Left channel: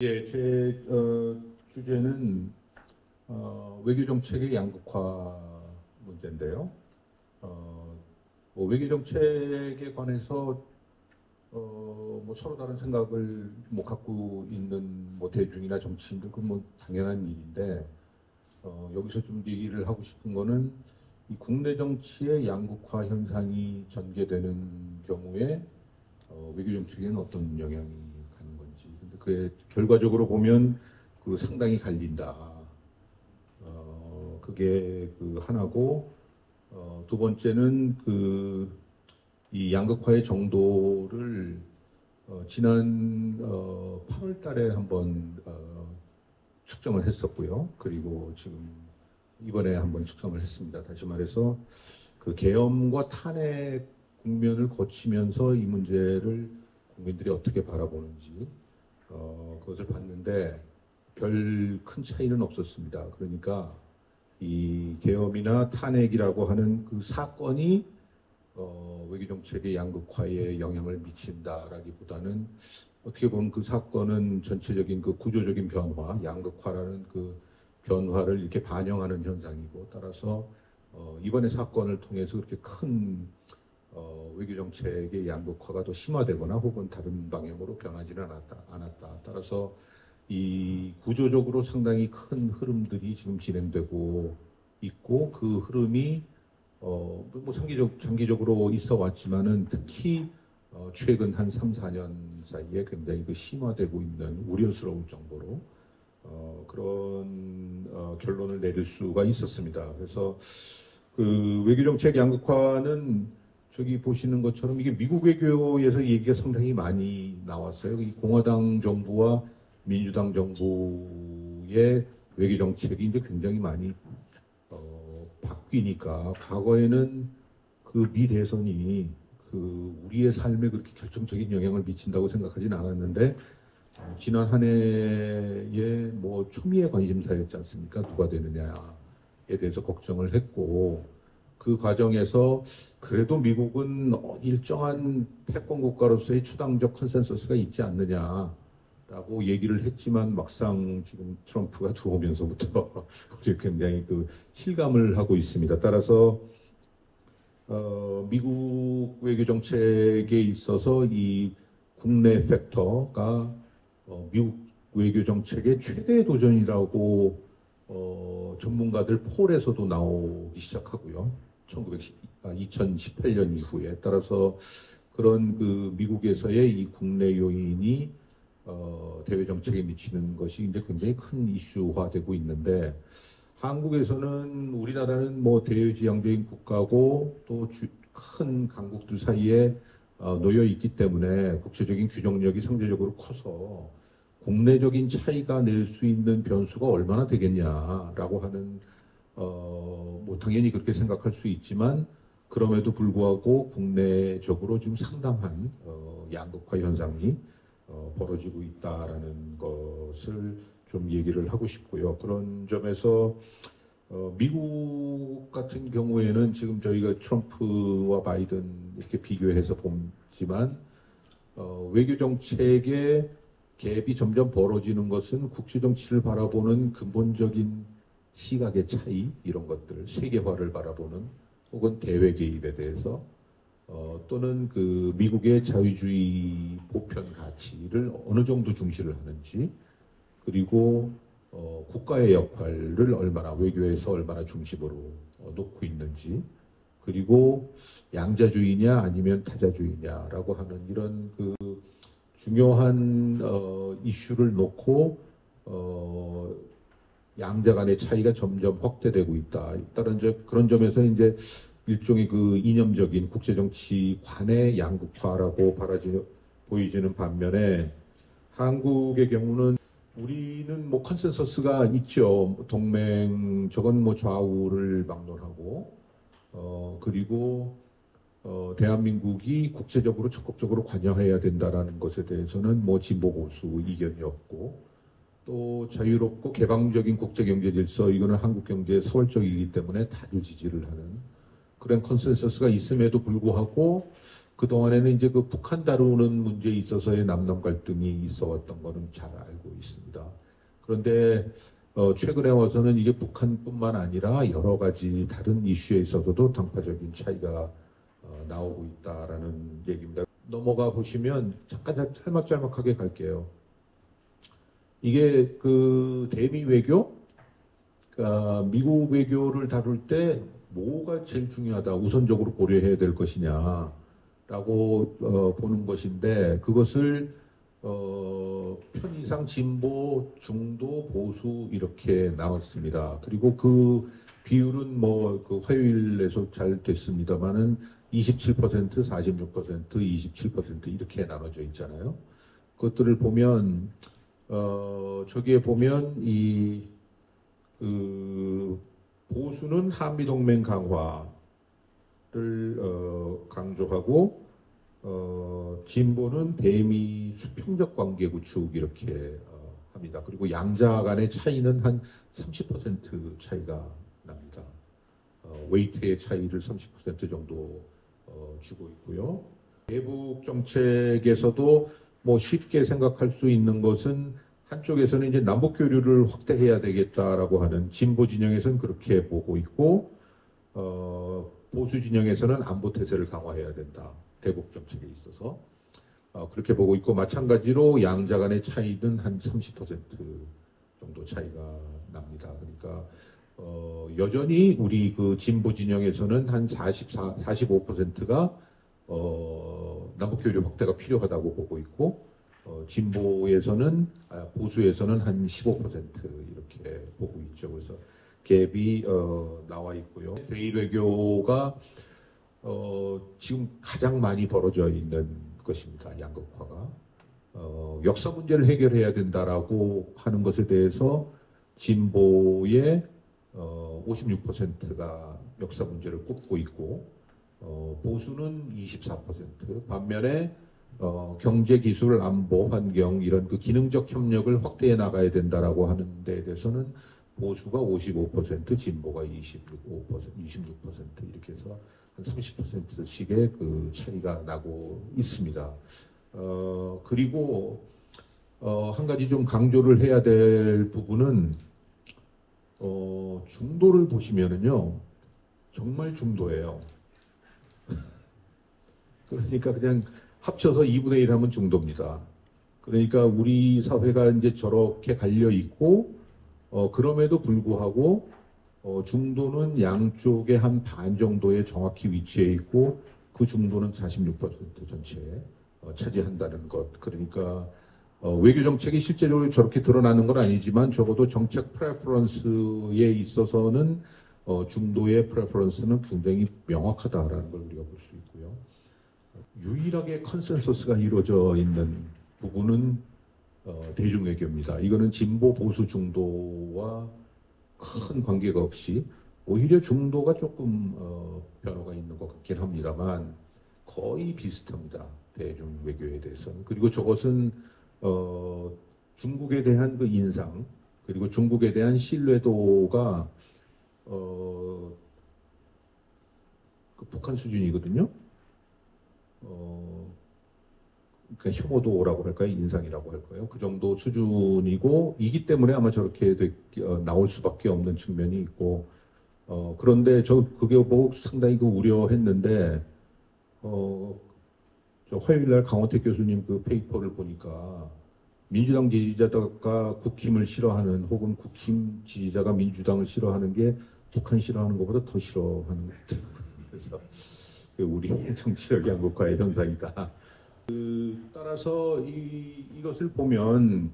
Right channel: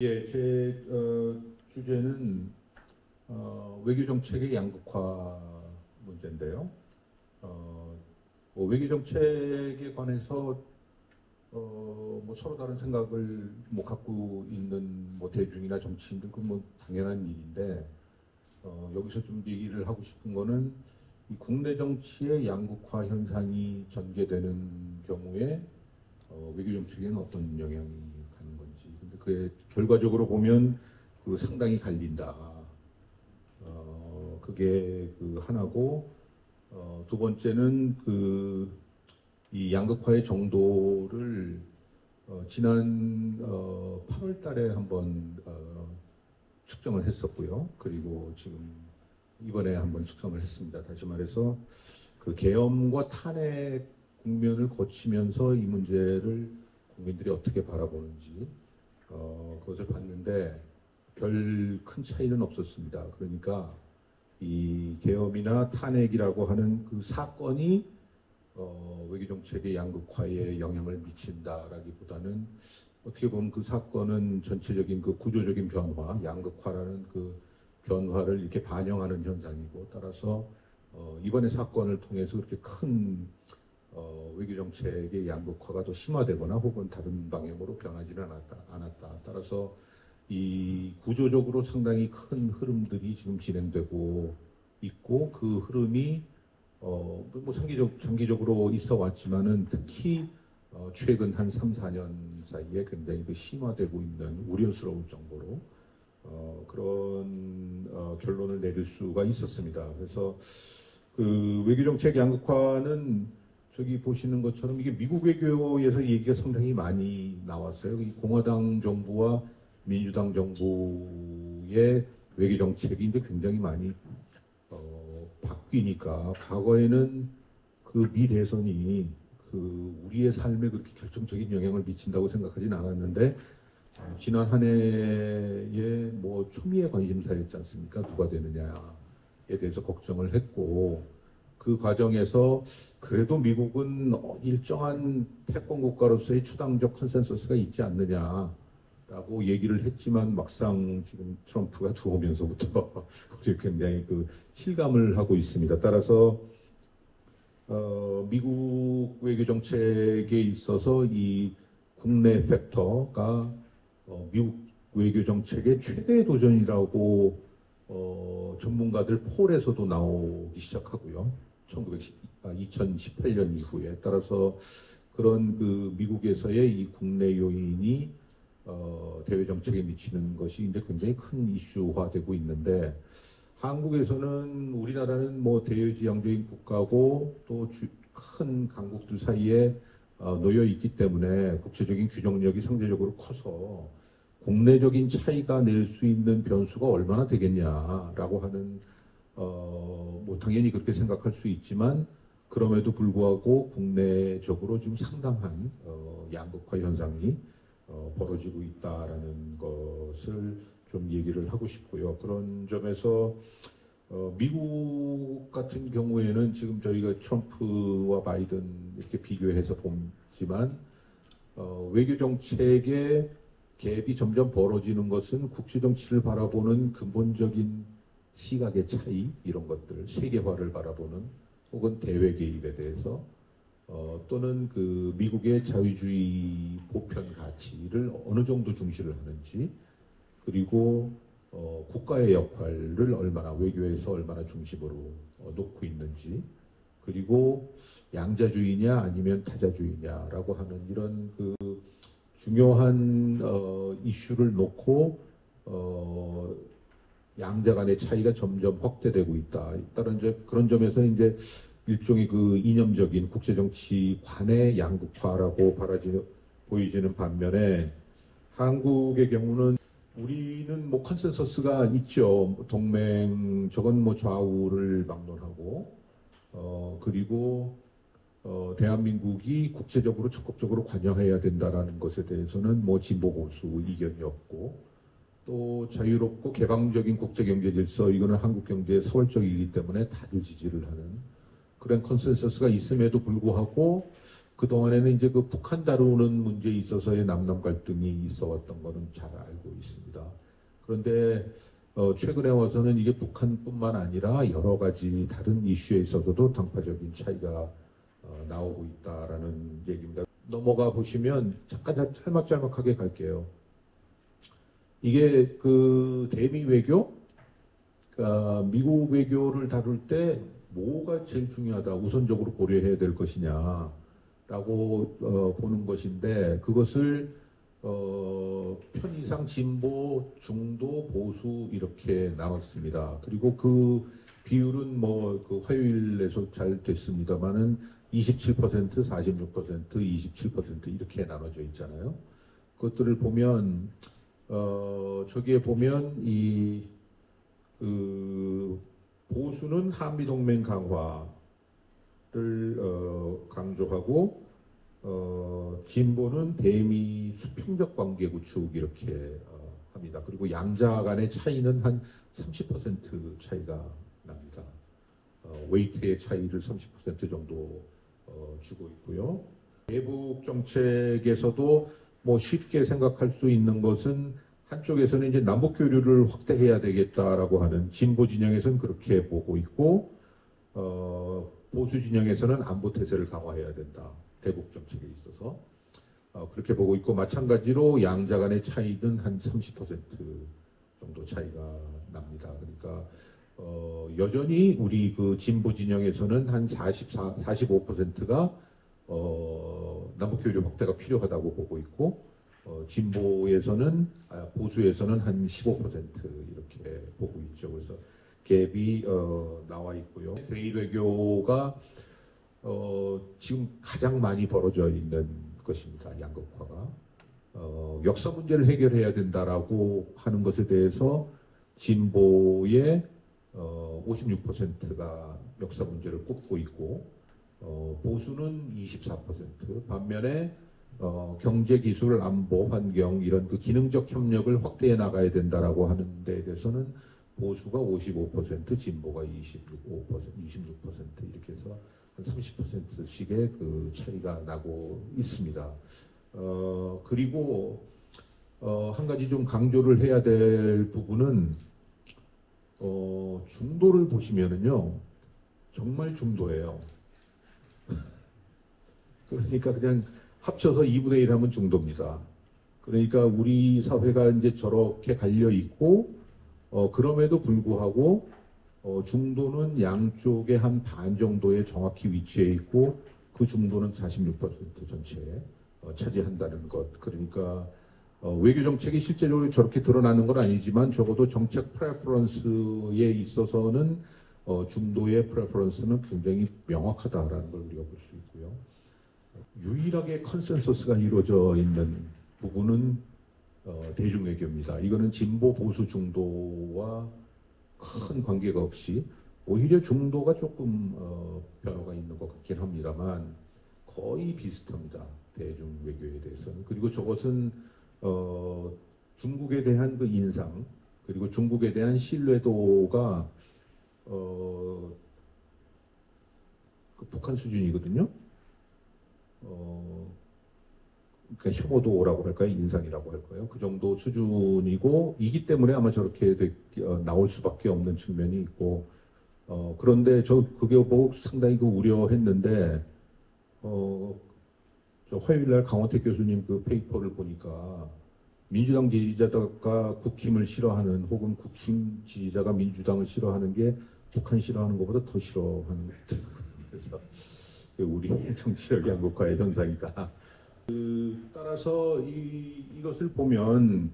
예, 제 주제는 외교정책의 양극화 문제인데요. 외교 정책에 관해서 뭐 서로 다른 생각을 뭐 갖고 있는 뭐 대중이나 정치인들 그건 뭐 당연한 일인데 여기서 좀 얘기를 하고 싶은 거는 이 국내 정치의 양극화 현상이 전개되는 경우에 외교 정책에는 어떤 영향이 가는 건지. 근데 그게 결과적으로 보면 그 상당히 갈린다. 그게 그 하나고 두 번째는 그 이 양극화의 정도를 지난 8월 달에 한번 측정을 했었고요. 그리고 지금 이번에 한번 측정을 했습니다. 다시 말해서 그 계엄과 탄핵 국면을 거치면서 이 문제를 국민들이 어떻게 바라보는지 그것을 봤는데 별 큰 차이는 없었습니다. 그러니까 이 계엄이나 탄핵이라고 하는 그 사건이 외교정책의 양극화에 영향을 미친다라기보다는 어떻게 보면 그 사건은 전체적인 그 구조적인 변화, 양극화라는 그 변화를 이렇게 반영하는 현상이고, 따라서 이번의 사건을 통해서 그렇게 큰 외교정책의 양극화가 더 심화되거나 혹은 다른 방향으로 변하지는 않았다. 따라서 이 구조적으로 상당히 큰 흐름들이 지금 진행되고 있고, 그 흐름이 뭐 장기적으로 있어 왔지만은 특히 최근 한 3, 4년 사이에 굉장히 그 심화되고 있는 우려스러울 정도로 그런 결론을 내릴 수가 있었습니다. 그래서 그 외교정책 양극화는 저기 보시는 것처럼 이게 미국 외교에서 얘기가 상당히 많이 나왔어요. 이 공화당 정부와 민주당 정부의 외교정책이 이제 굉장히 많이 바뀌니까 과거에는 그 미 대선이 그 우리의 삶에 그렇게 결정적인 영향을 미친다고 생각하진 않았는데 지난 한 해에 뭐 초미의 관심사였지 않습니까? 누가 되느냐에 대해서 걱정을 했고 그 과정에서 그래도 미국은 일정한 패권 국가로서의 초당적 컨센서스가 있지 않느냐라고 얘기를 했지만 막상 지금 트럼프가 들어오면서부터 굉장히 그 실감을 하고 있습니다. 따라서 미국 외교 정책에 있어서 이 국내 팩터가 미국 외교 정책의 최대 도전이라고 전문가들 폴에서도 나오기 시작하고요. 2018년 이후에 따라서 그런 그 미국에서의 이 국내 요인이 대외 정책에 미치는 것이 이제 굉장히 큰 이슈화되고 있는데 한국에서는 우리나라는 뭐 대외지향적인 국가고 또 큰 강국들 사이에 놓여 있기 때문에 국제적인 규정력이 상대적으로 커서 국내적인 차이가 낼 수 있는 변수가 얼마나 되겠냐라고 하는 뭐 당연히 그렇게 생각할 수 있지만 그럼에도 불구하고 국내적으로 좀 상당한 양극화 현상이 벌어지고 있다라는 것을 좀 얘기를 하고 싶고요. 그런 점에서 미국 같은 경우에는 지금 저희가 트럼프와 바이든 이렇게 비교해서 보지만 외교 정책의 갭이 점점 벌어지는 것은 국제 정치를 바라보는 근본적인 시각의 차이 이런 것들, 세계화를 바라보는 혹은 대외 개입에 대해서 또는 그 미국의 자유주의 보편 가치를 어느 정도 중시를 하는지 그리고 국가의 역할을 얼마나 외교에서 얼마나 중심으로 놓고 있는지 그리고 양자주의냐 아니면 타자주의냐라고 하는 이런 그 중요한 이슈를 놓고 양자 간의 차이가 점점 확대되고 있다. 따른 그런 점에서 이제 일종의 그 이념적인 국제정치관의 양극화라고 보이지는 반면에 한국의 경우는 우리는 뭐 컨센서스가 있죠. 동맹 저건 뭐 좌우를 막론하고 그리고 대한민국이 국제적으로 적극적으로 관여해야 된다라는 것에 대해서는 뭐 진보 보수 이견이 없고 또 자유롭고 개방적인 국제경제 질서 이거는 한국 경제의 사활적이기 때문에 다들 지지를 하는 그런 컨센서스가 있음에도 불구하고 그동안에는 이제 그 북한 다루는 문제에 있어서의 남남 갈등이 있어 왔던 거는 잘 알고 있습니다. 그런데 최근에 와서는 이게 북한뿐만 아니라 여러 가지 다른 이슈에 있어서도 당파적인 차이가 나오고 있다라는 얘기입니다. 넘어가 보시면 잠깐 짤막짤막하게 갈게요. 이게 그 대미 외교, 그러니까 미국 외교를 다룰 때 뭐가 제일 중요하다, 우선적으로 고려해야 될 것이냐라고 보는 것인데, 그것을 편의상 진보, 중도, 보수 이렇게 나왔습니다. 그리고 그 비율은 뭐 그 화요일에서 잘 됐습니다만은 27%, 46%, 27% 이렇게 나눠져 있잖아요. 그것들을 보면 저기에 보면 그 보수는 한미동맹 강화를 강조하고 진보는 대미 수평적 관계 구축 이렇게 합니다. 그리고 양자 간의 차이는 한 30% 차이가 납니다. 웨이트의 차이를 30% 정도 주고 있고요. 대북 정책에서도 뭐 쉽게 생각할 수 있는 것은 한쪽에서는 이제 남북 교류를 확대해야 되겠다라고 하는 진보 진영에서는 그렇게 보고 있고, 보수 진영에서는 안보 태세를 강화해야 된다. 대북 정책에 있어서 그렇게 보고 있고, 마찬가지로 양자 간의 차이는 한 30% 정도 차이가 납니다. 그러니까 여전히 우리 그 진보 진영에서는 한 45%가 남북 교류 확대가 필요하다고 보고 있고, 보수에서는 한 15% 이렇게 보고 있죠. 그래서 갭이 나와 있고요. 대일 외교가 지금 가장 많이 벌어져 있는 것입니다. 양극화가. 역사 문제를 해결해야 된다라고 하는 것에 대해서 진보의 56%가 역사 문제를 꼽고 있고, 보수는 24%, 반면에 경제, 기술, 안보, 환경 이런 그 기능적 협력을 확대해 나가야 된다라고 하는 데에 대해서는 보수가 55%, 진보가 26% 이렇게 해서 한 30%씩의 그 차이가 나고 있습니다. 그리고 한 가지 좀 강조를 해야 될 부분은 중도를 보시면은요, 정말 중도예요. 그러니까 그냥 합쳐서 2분의 1 하면 중도입니다. 그러니까 우리 사회가 이제 저렇게 갈려 있고, 그럼에도 불구하고 중도는 양쪽의 한 반 정도에 정확히 위치해 있고, 그 중도는 46% 전체에 차지한다는 것. 그러니까 외교 정책이 실제로 저렇게 드러나는 건 아니지만 적어도 정책 프레퍼런스에 있어서는 중도의 프레퍼런스는 굉장히 명확하다라는 걸 우리가 볼 수 있고요. 유일하게 컨센서스가 이루어져 있는 부분은 대중외교입니다. 이거는 진보, 보수, 중도와 큰 관계가 없이 오히려 중도가 조금 변화가 있는 것 같긴 합니다만 거의 비슷합니다. 대중외교에 대해서는. 그리고 저것은 중국에 대한 그 인상, 그리고 중국에 대한 신뢰도가 그 북한 수준이거든요. 그러니까 혐오도라고 할까요? 인상이라고 할까요? 그 정도 수준이고, 이기 때문에 아마 저렇게 나올 수밖에 없는 측면이 있고, 그런데 저 그게 보고 상당히 그 우려했는데, 저 화요일날 강원택 교수님 그 페이퍼를 보니까 민주당 지지자가 국힘을 싫어하는, 혹은 국힘 지지자가 민주당을 싫어하는 게 북한 싫어하는 것보다 더 싫어하는 것 같아요. 그래서 우리 정치적 양극화의 현상이다. 따라서 이것을 보면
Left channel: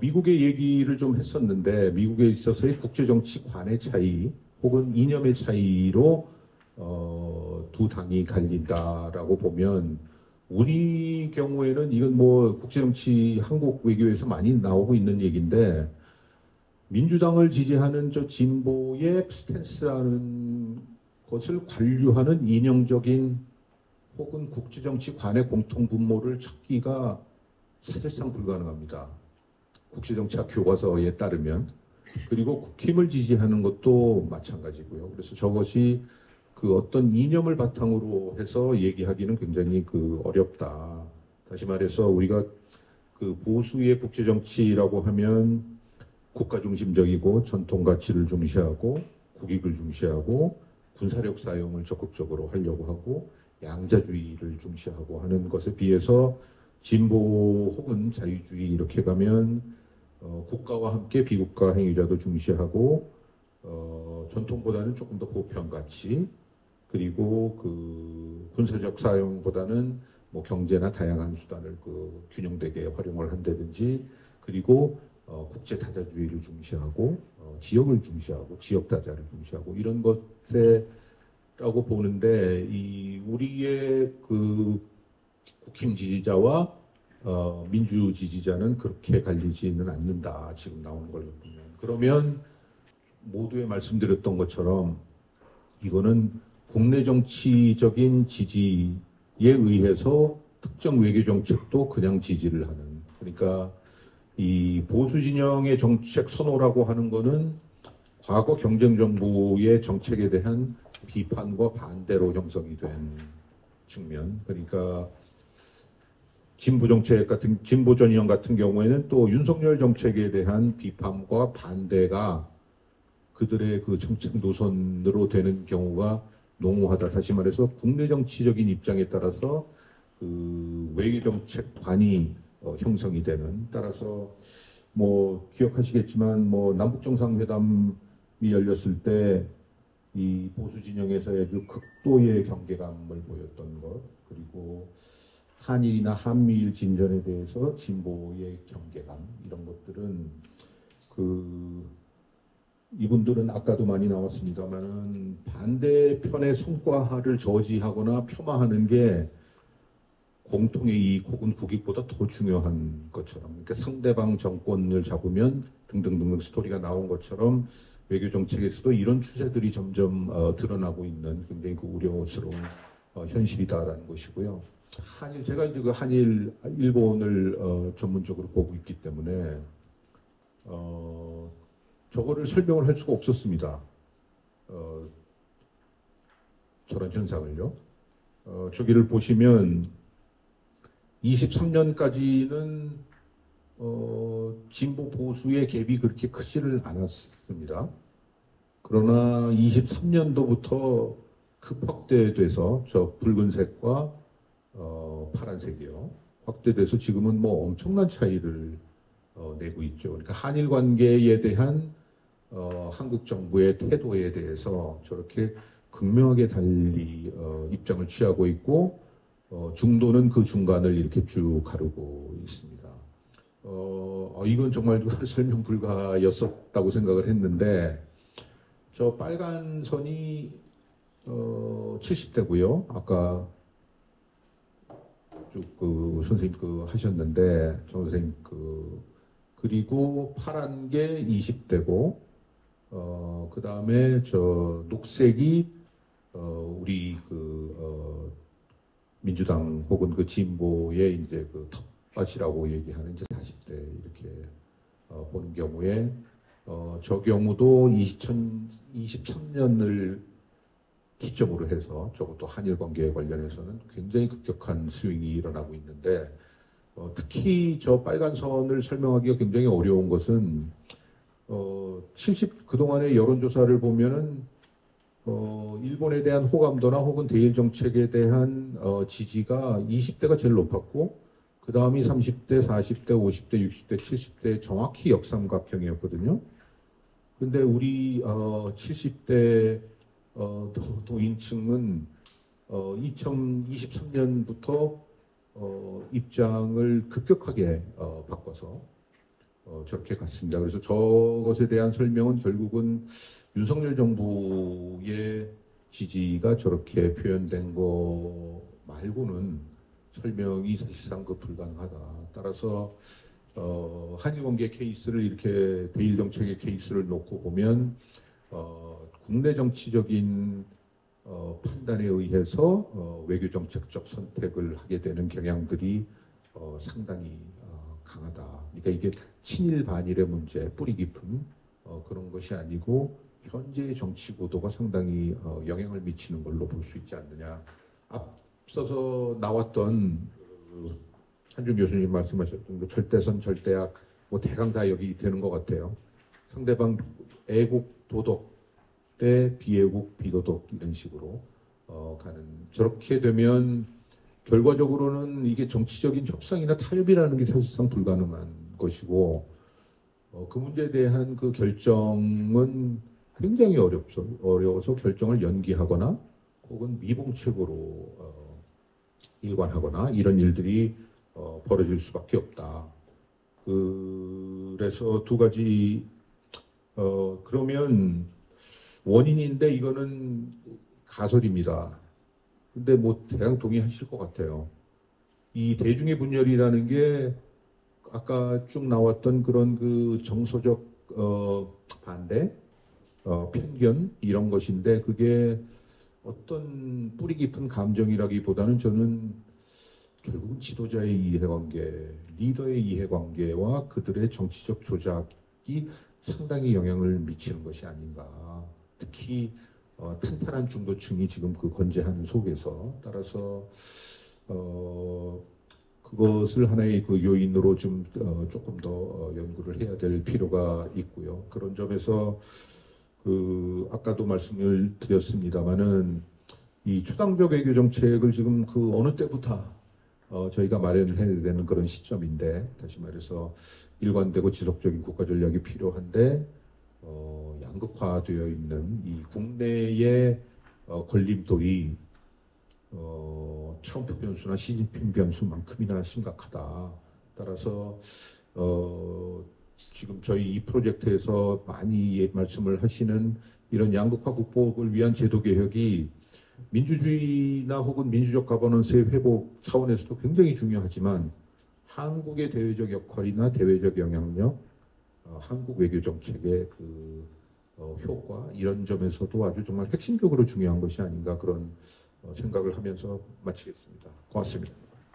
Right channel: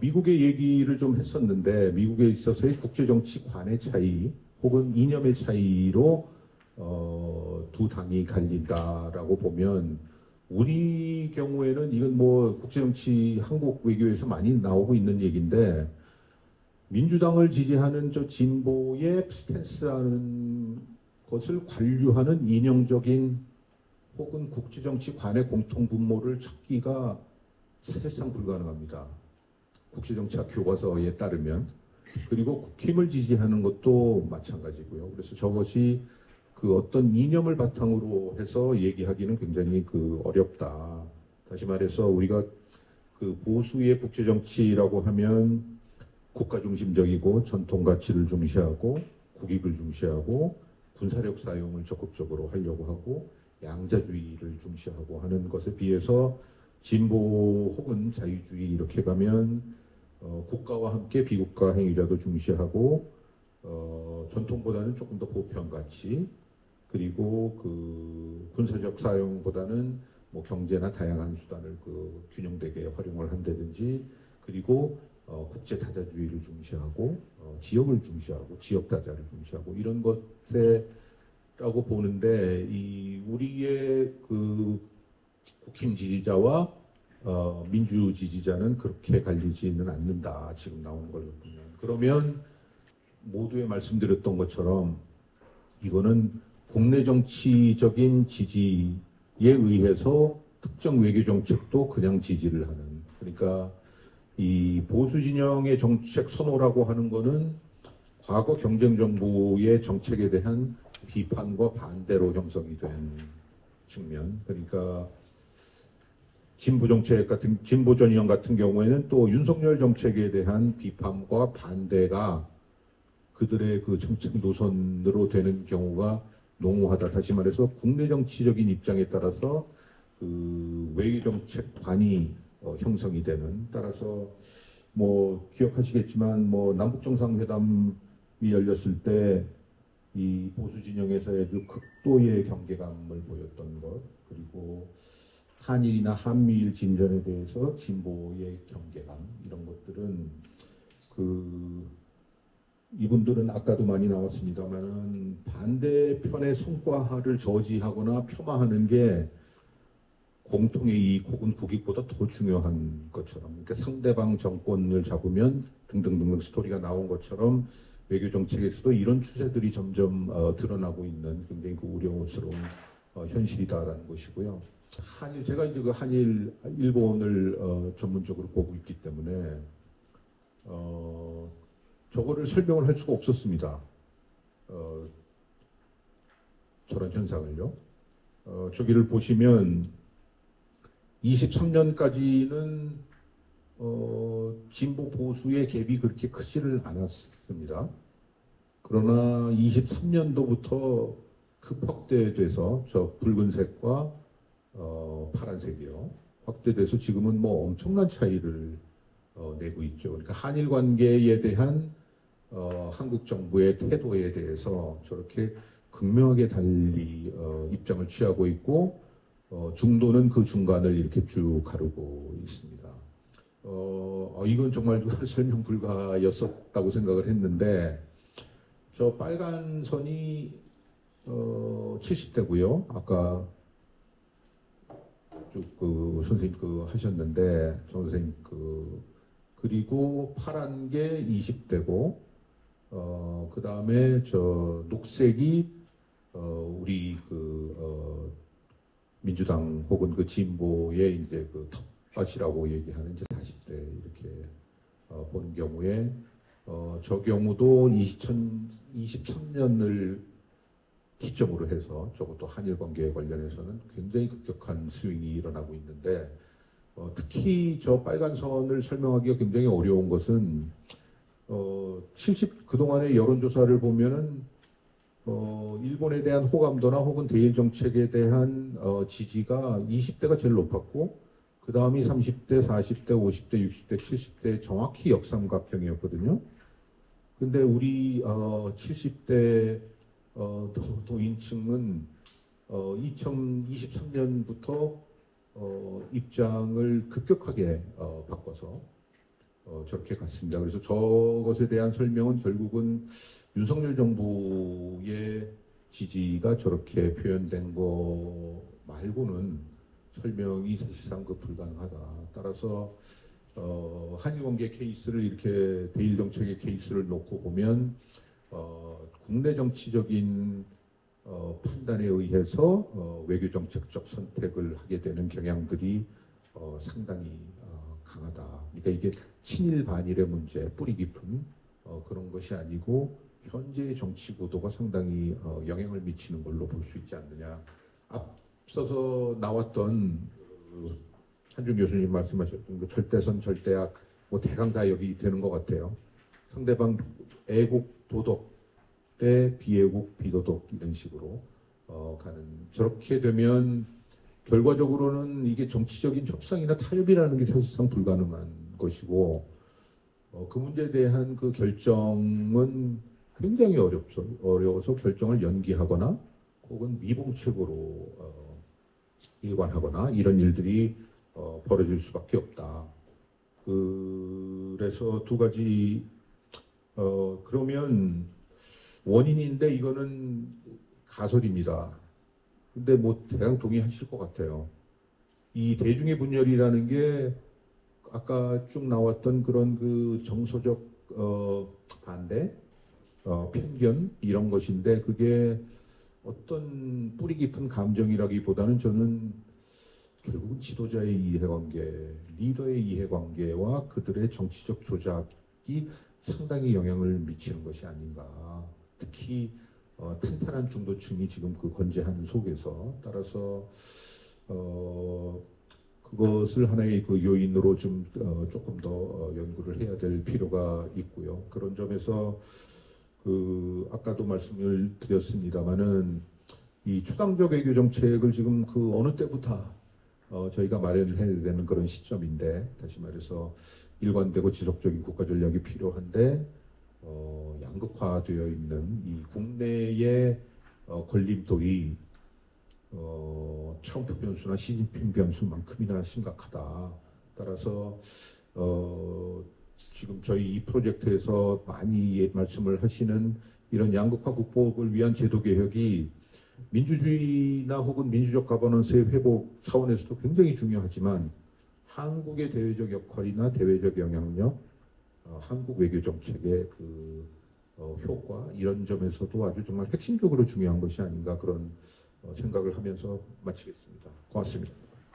미국의 얘기를 좀 했었는데, 미국에 있어서의 국제정치관의 차이 혹은 이념의 차이로 두 당이 갈린다라고 보면, 우리 경우에는 이건 뭐 국제정치 한국 외교에서 많이 나오고 있는 얘기인데, 민주당을 지지하는 저 진보의 스탠스라는 것을 관류하는 이념적인 혹은 국제정치관의 공통분모를 찾기가 사실상 불가능합니다. 국제정치학 교과서에 따르면. 그리고 국힘을 지지하는 것도 마찬가지고요. 그래서 저것이 그 그 어떤 이념을 바탕으로 해서 얘기하기는 굉장히 그 어렵다. 다시 말해서 우리가 그 보수의 국제 정치라고 하면 국가 중심적이고 전통 가치를 중시하고 국익을 중시하고 군사력 사용을 적극적으로 하려고 하고 양자주의를 중시하고 하는 것에 비해서 진보 혹은 자유주의 이렇게 가면 국가와 함께 비국가 행위자도 중시하고 전통보다는 조금 더 보편 가치 그리고 그 군사적 사용보다는 뭐 경제나 다양한 수단을 그 균형되게 활용을 한다든지 그리고 국제 다자주의를 중시하고 지역을 중시하고 지역 다자를 중시하고 이런 것에라고 보는데 이 우리의 그 국힘 지지자와 민주 지지자는 그렇게 갈리지는 않는다. 지금 나오는 걸 보면. 그러면 모두에 말씀드렸던 것처럼 이거는 국내 정치적인 지지에 의해서 특정 외교 정책도 그냥 지지를 하는. 그러니까 이 보수 진영의 정책 선호라고 하는 거는 과거 경쟁 정부의 정책에 대한 비판과 반대로 형성이 된 측면. 그러니까 진보 정책 같은 진보 전형 같은 경우에는 또 윤석열 정책에 대한 비판과 반대가 그들의 그 정책 노선으로 되는 경우가 농후하다. 다시 말해서 국내 정치적인 입장에 따라서 그 외교 정책관이 형성이 되는. 따라서 뭐 기억하시겠지만 뭐 남북 정상회담이 열렸을 때 이 보수 진영에서의 그 극도의 경계감을 보였던 것 그리고 한일이나 한미일 진전에 대해서 진보의 경계감 이런 것들은 그 이분들은 아까도 많이 나왔습니다만 반대편의 성과를 저지하거나 폄하하는 게 공통의 이익 혹은 국익보다 더 중요한 것처럼 그러니까 상대방 정권을 잡으면 등등등 스토리가 나온 것처럼 외교 정책에서도 이런 추세들이 점점 드러나고 있는 굉장히 그 우려스러운 현실이다라는 것이고요. 한일 제가 이제 그 한일 일본을 전문적으로 보고 있기 때문에 저거를 설명을 할 수가 없었습니다. 저런 현상을요. 저기를 보시면 23년까지는 진보 보수의 갭이 그렇게 크지를 않았습니다. 그러나 23년도부터 급 확대돼서 저 붉은색과 파란색이요. 확대돼서 지금은 뭐 엄청난 차이를 내고 있죠. 그러니까 한일 관계에 대한 한국 정부의 태도에 대해서 저렇게 극명하게 달리 입장을 취하고 있고 중도는 그 중간을 이렇게 쭉 가르고 있습니다. 이건 정말 설명 불가였었다고 생각을 했는데 저 빨간 선이 70대고요. 아까 쭉 그 선생님 그 하셨는데 정 선생님 그리고 파란 게 20대고 그 다음에 저 녹색이 우리 민주당 혹은 그 진보의 이제 그 텃밭이라고 얘기하는 이제 40대 이렇게 보는 경우에 저 경우도 2023년을 기점으로 해서 저것도 한일 관계에 관련해서는 굉장히 급격한 스윙이 일어나고 있는데 특히 저 빨간 선을 설명하기가 굉장히 어려운 것은 그동안의 여론조사를 보면은 일본에 대한 호감도나 혹은 대일 정책에 대한 지지가 20대가 제일 높았고 그 다음이 30대, 40대, 50대, 60대, 70대 정확히 역삼각형이었거든요. 근데 우리 70대 도인층은 2023년부터 입장을 급격하게 바꿔서 저렇게 갔습니다. 그래서 저것에 대한 설명은 결국은 윤석열 정부의 지지가 저렇게 표현된 거 말고는 설명이 사실상 불가능하다. 따라서 한일관계 케이스를 이렇게 대일 정책의 케이스를 놓고 보면 국내 정치적인 판단에 의해서 외교 정책적 선택을 하게 되는 경향들이 상당히 강하다. 그러니까 이게 친일 반일의 문제, 뿌리 깊은 그런 것이 아니고 현재의 정치 구도가 상당히 영향을 미치는 걸로 볼 수 있지 않느냐. 앞서서 나왔던 한준 교수님 말씀하셨던 뭐 절대선, 절대악, 뭐 대강 다 여기 되는 것 같아요. 상대방 애국 도덕 대 비애국 비도덕 이런 식으로 가는. 저렇게 되면 결과적으로는 이게 정치적인 협상이나 타협이라는 게 사실상 불가능한 것이고 그 문제에 대한 그 결정은 굉장히 어려워서 결정을 연기하거나 혹은 미봉책으로 일관하거나 이런 일들이 벌어질 수밖에 없다. 그래서 두 가지 그러면 원인인데 이거는 가설입니다. 근데 뭐 대강 동의하실 것 같아요. 이 대중의 분열이라는 게 아까 쭉 나왔던 그런 그 정서적 반대, 편견 이런 것인데 그게 어떤 뿌리 깊은 감정이라기보다는 저는 결국 지도자의 이해관계, 리더의 이해관계와 그들의 정치적 조작이 상당히 영향을 미치는 것이 아닌가. 특히 탄탄한 중도층이 지금 그 건재한 속에서 따라서 그것을 하나의 그 요인으로 좀 조금 더 연구를 해야 될 필요가 있고요. 그런 점에서 아까도 말씀을 드렸습니다마는 이 초당적 외교 정책을 지금 그 어느 때부터 저희가 마련을 해야 되는 그런 시점인데 다시 말해서 일관되고 지속적인 국가 전략이 필요한데 양극화되어 있는 이 국내의 걸림돌이 트럼프 변수나 시진핑 변수만큼이나 심각하다. 따라서 지금 저희 이 프로젝트에서 많이 말씀을 하시는 이런 양극화 극복을 위한 제도 개혁이 민주주의나 혹은 민주적 가버넌스의 회복 차원에서도 굉장히 중요하지만 한국의 대외적 역할이나 대외적 영향력, 한국 외교 정책의 그 효과 이런 점에서도 아주 정말 핵심적으로 중요한 것이 아닌가 그런 생각을 하면서 마치겠습니다. 고맙습니다.